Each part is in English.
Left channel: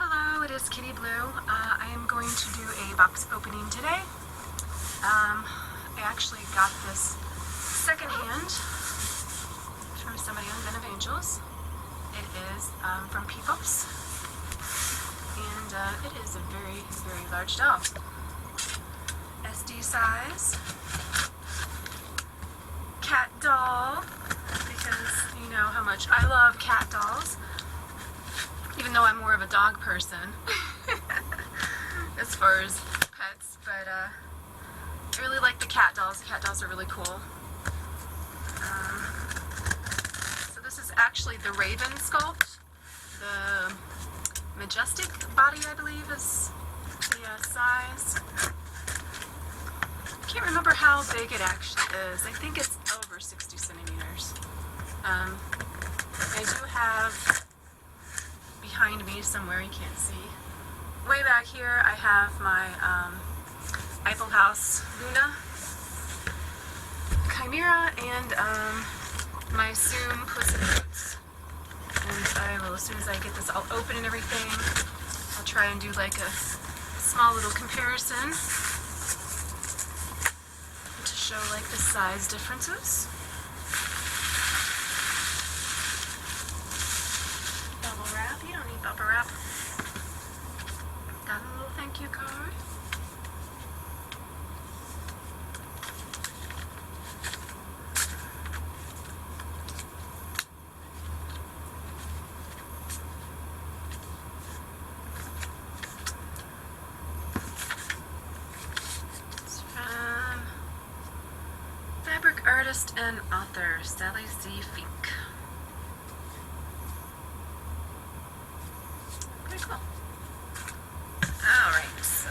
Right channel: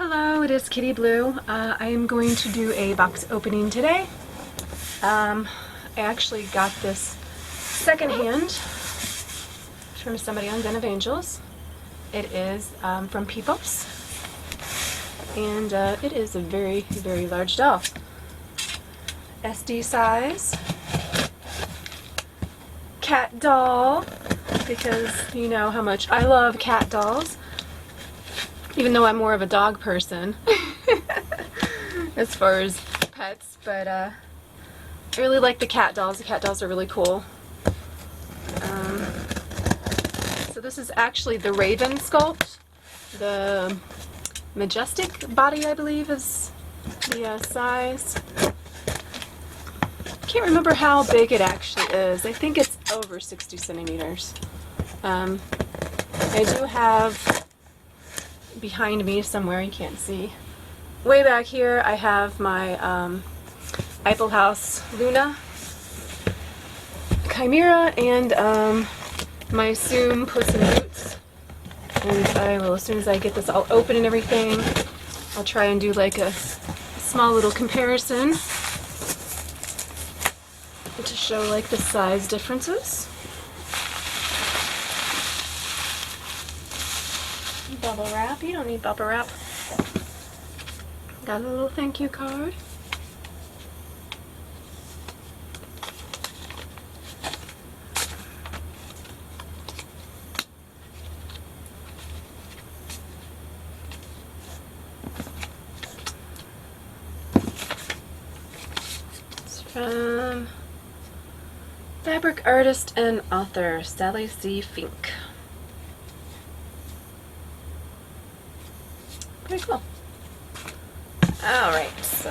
Hello, it is Kitty Blue. I am going to do a box opening today. I actually got this secondhand from somebody on Den of Angels. It is from Pipos, and it is a very, very large doll. SD size. Cat doll, because you know how much I love cat dolls. Even though I'm more of a dog person as far as pets, but I really like the cat dolls. The cat dolls are really cool. So this is actually the Raven sculpt. The majestic body, I believe, is the size. I can't remember how big it actually is. I think it's over 60 centimeters. I do have behind me somewhere, you can't see, way back here, I have my Appx Luna Chimera and my Zoom Puss in Boots. And I will, as soon as I get this all open and everything, I'll try and do like a small little comparison to show like the size differences. Bubble wrap. You don't need bubble wrap. Got a little thank you card. It's from fabric artist and author Sally C. Fink. Pretty cool. Alright, so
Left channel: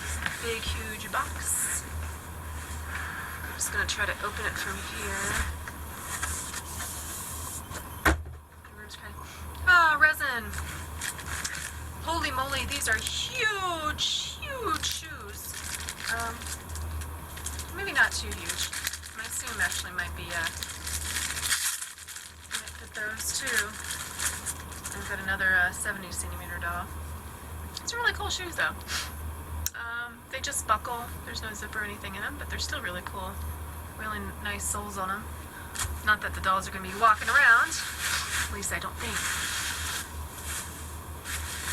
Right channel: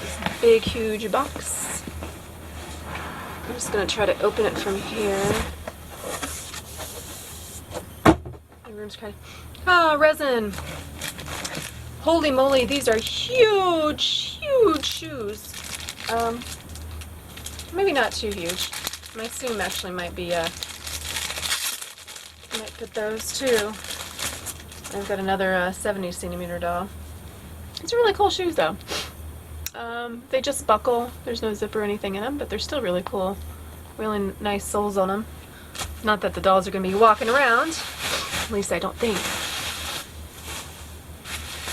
this big huge box. I'm just going to try to open it from here. The room's kind of... resin! Holy moly, these are huge, huge shoes. Maybe not too huge. My Zoom actually might be, might fit those too. I've got another 70 centimeter doll. These are really cool shoes though. They just buckle. There's no zip or anything in them, but they're still really cool. Really nice soles on them. Not that the dolls are going to be walking around. At least I don't think.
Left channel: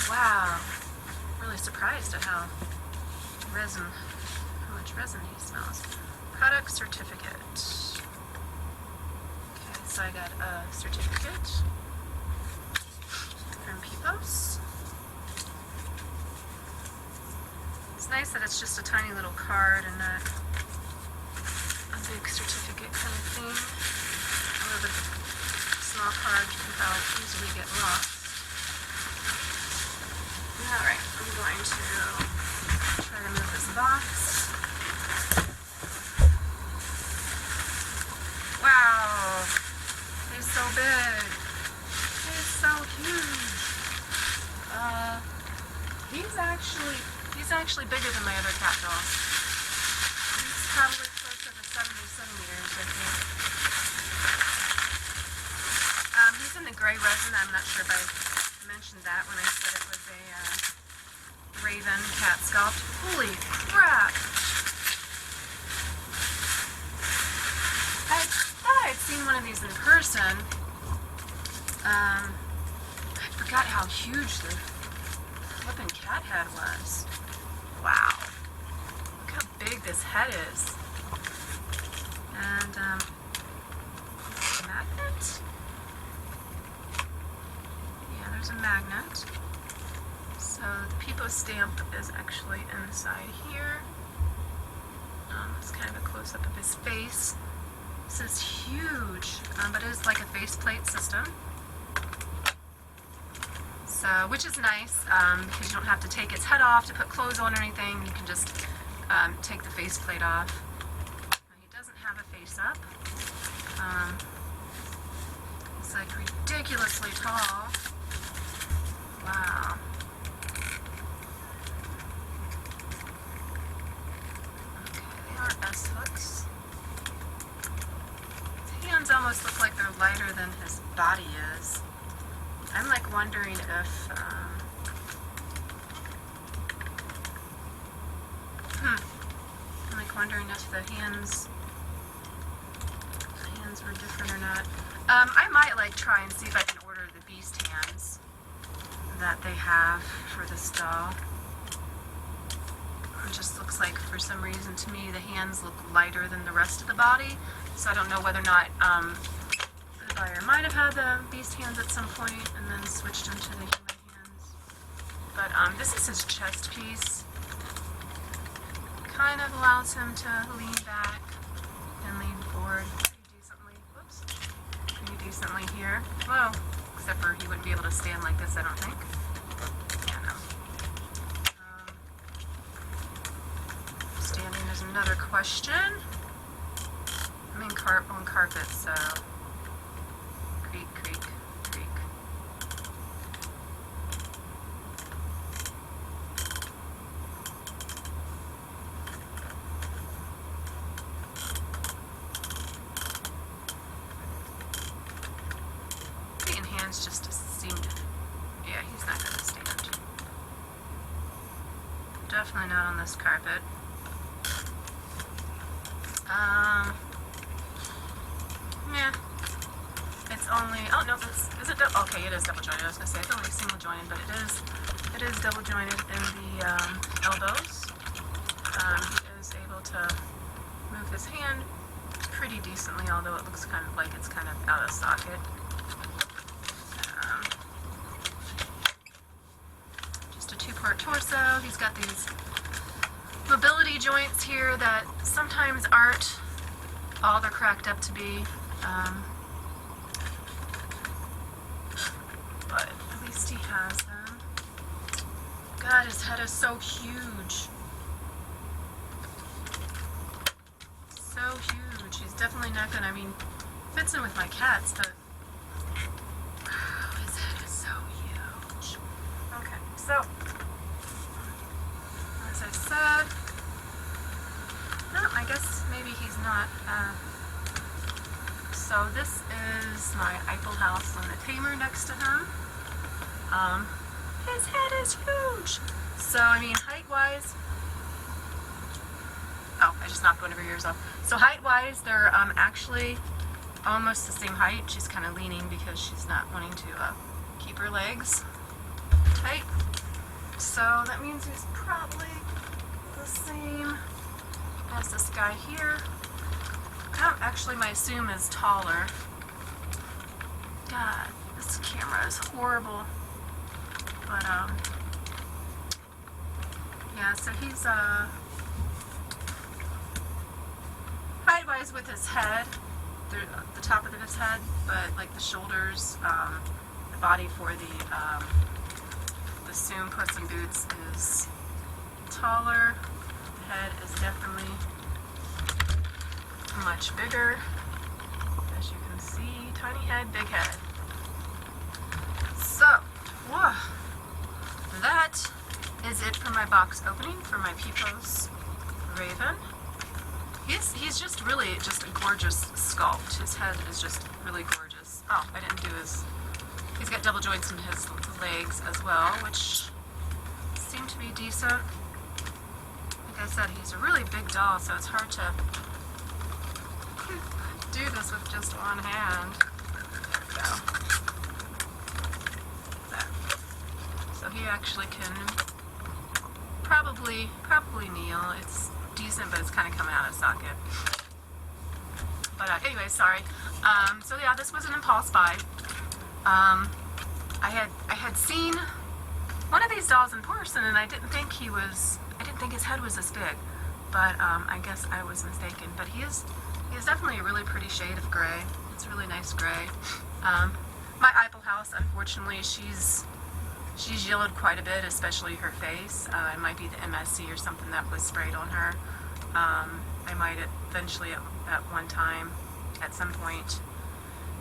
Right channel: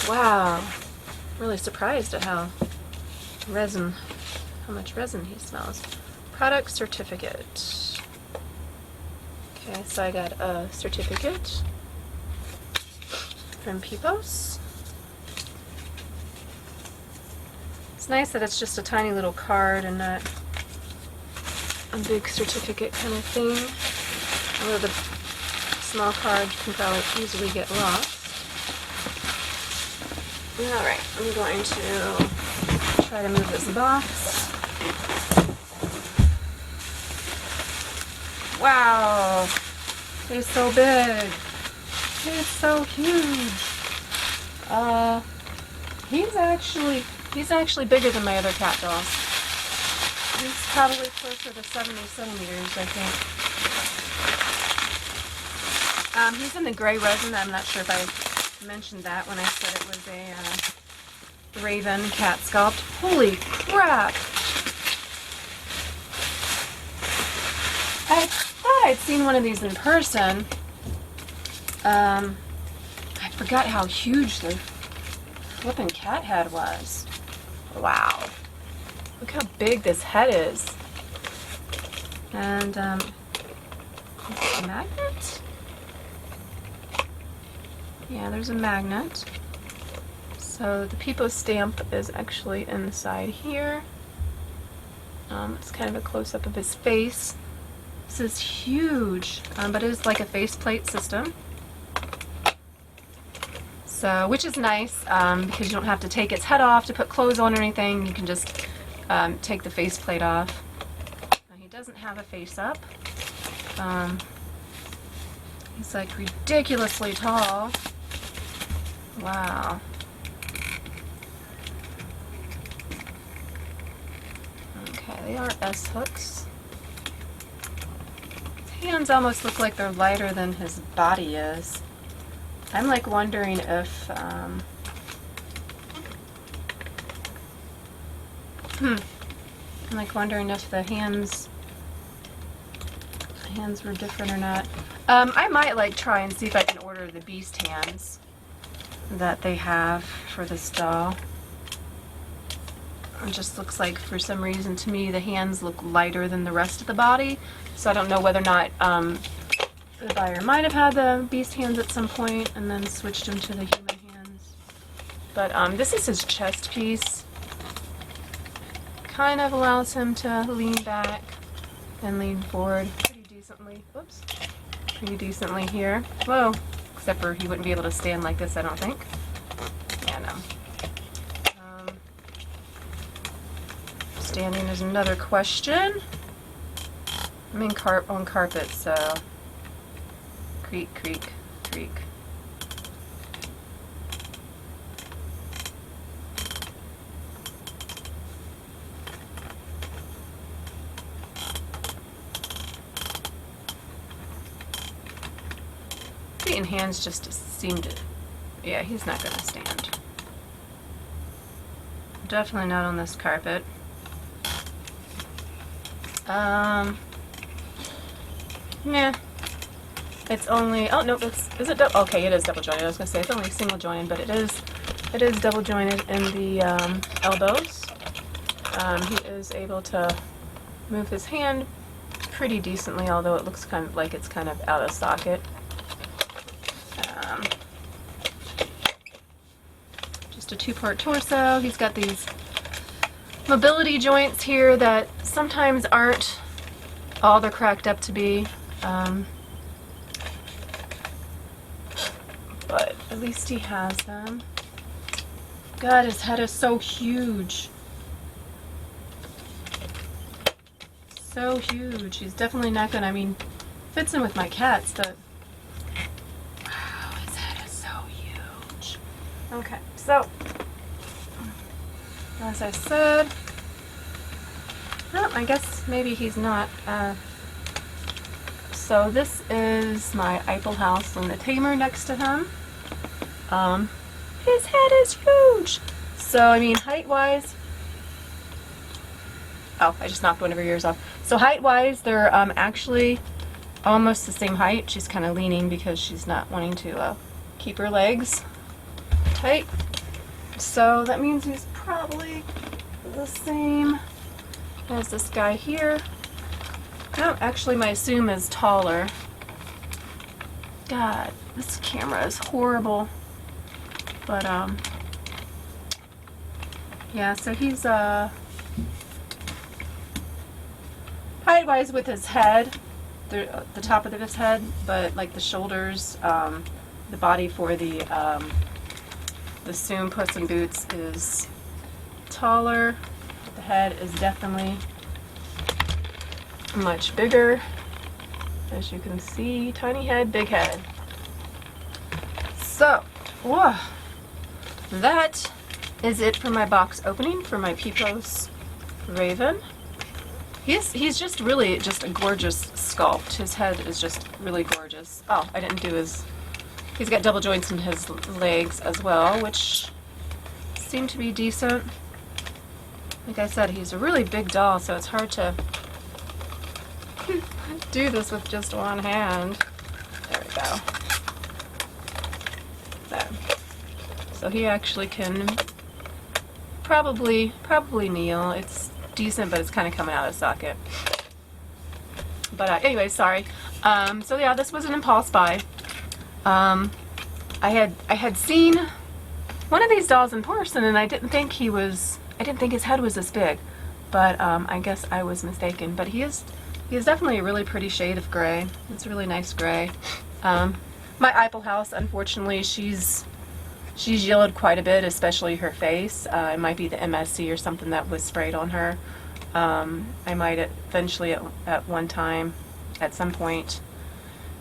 Wow. Really surprised at how much resin he smells. Product certificate. Okay, so I got a certificate from Pipos. It's nice that it's just a tiny little card and not a big certificate kind of thing. Although the small card can probably easily get lost. Alright, I'm going to try to move this box. Wow! He's so big! He's so huge. He's actually bigger than my other cat doll. He's probably closer to 70 centimeters, I think. He's in the gray resin. I'm not sure if I mentioned that when I said it was a Raven cat sculpt. Holy crap! I thought I'd seen one of these in person. I forgot how huge the flippin' cat head was. Wow. Look how big this head is. And, a magnet? Yeah, there's a magnet. So the Pipos stamp is actually inside here. It's kind of a close-up of his face. This is huge, but it is like a faceplate system. So, which is nice because you don't have to take its head off to put clothes on or anything. You can just take the faceplate off. He doesn't have a face up. He's like ridiculously tall. Wow. Okay, they are S hooks. His hands almost look like they're lighter than his body is. I'm like wondering if, I'm like wondering if the hands were different or not. I might like try and see if I can order the beast hands that they have for this doll. It just looks like for some reason to me the hands look lighter than the rest of the body, so I don't know whether or not the buyer might have had the beast hands at some point and then switched them to the human hands. But this is his chest piece. Kind of allows him to lean back and lean forward pretty decently. Whoops. Pretty decently here. Whoa. Except for he wouldn't be able to stand like this, I don't think. Yeah, no. Standing is another question. I'm on carpet, so creak, creak, creak. Feet and hands just seem to, yeah, he's not going to stand. Definitely not on this carpet. Yeah. It's only, oh no, is it okay, it is double jointed. I was going to say it's only single jointed, but it is double jointed in the elbows. He is able to move his hand pretty decently, although it looks kind of like it's kind of out of socket. Just a two-part torso. He's got these mobility joints here that sometimes aren't all they're cracked up to be. But at least he has them. God, his head is so huge. So huge. He's definitely not gonna, I mean, fits in with my cats, but wow, his head is so huge. Okay, so as I said, no, I guess maybe he's not. So this is my Eiffel house and the tamer next to him. His head is huge. So I mean, height-wise, oh, I just knocked one of her ears off. So height-wise, they're actually almost the same height. She's kind of leaning because she's not wanting to keep her legs tight. So that means he's probably the same as this guy here. No, actually my Zoom is taller. God, this camera is horrible. But yeah, so he's height-wise with his head, the top of his head, but like the shoulders, the body for the Zoom Puss in Boots is taller. The head is definitely much bigger. As you can see, tiny head, big head. So, whoa, that is it for my box opening for my Pipos Raven. He's just really just a gorgeous sculpt. His head is just really gorgeous. Oh, I didn't do his, he's got double joints in his legs as well, which seem to be decent. Like I said, he's a really big doll, so it's hard to do this with just one hand. There we go. There. So he actually can probably kneel. It's decent, but it's kind of coming out of socket. But anyway, sorry. So yeah, this was an impulse buy. I had seen one of these dolls in person, and I didn't think his head was this big. But I guess I was mistaken. But he is definitely a really pretty shade of gray. It's a really nice gray. My Eiffel house, unfortunately, she's yellowed quite a bit, especially her face. It might be the MSC or something that was sprayed on her. I might eventually at one time, at some point,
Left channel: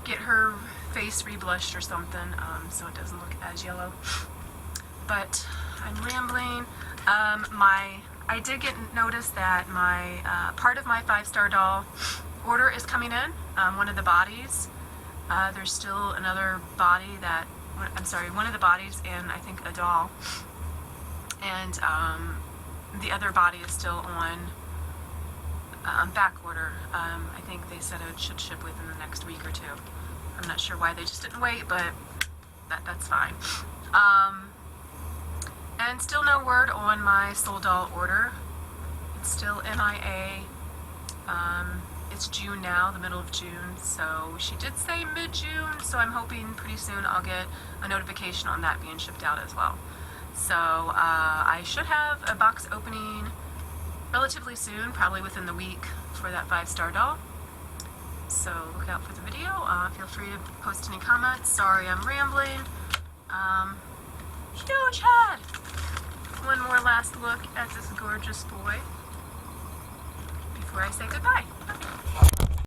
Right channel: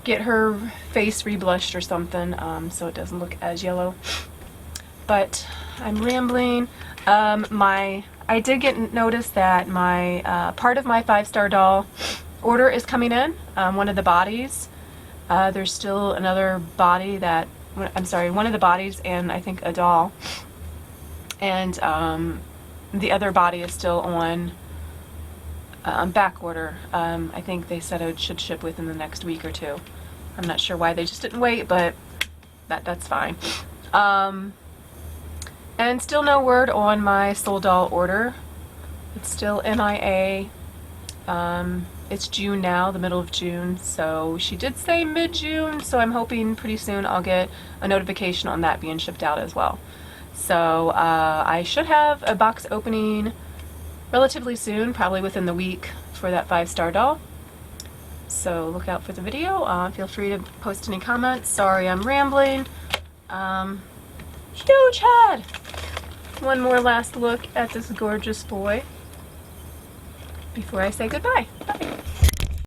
get her face reblushed or something, so it doesn't look as yellow. But I'm rambling. I did get notice that my part of my 5-star doll order is coming in. One of the bodies. There's still another body that I'm sorry, one of the bodies and I think a doll. And the other body is still on back order. I think they said it should ship within the next week or two. I'm not sure why they just didn't wait, but that's fine. And still no word on my soul doll order. It's still MIA. It's June now, the middle of June, so she did say mid-June, so I'm hoping pretty soon I'll get a notification on that being shipped out as well. So I should have a box opening relatively soon, probably within the week, for that 5-star doll. So look out for the video. Feel free to post any comments. Sorry I'm rambling. Huge head! One more last look at this gorgeous boy before I say goodbye.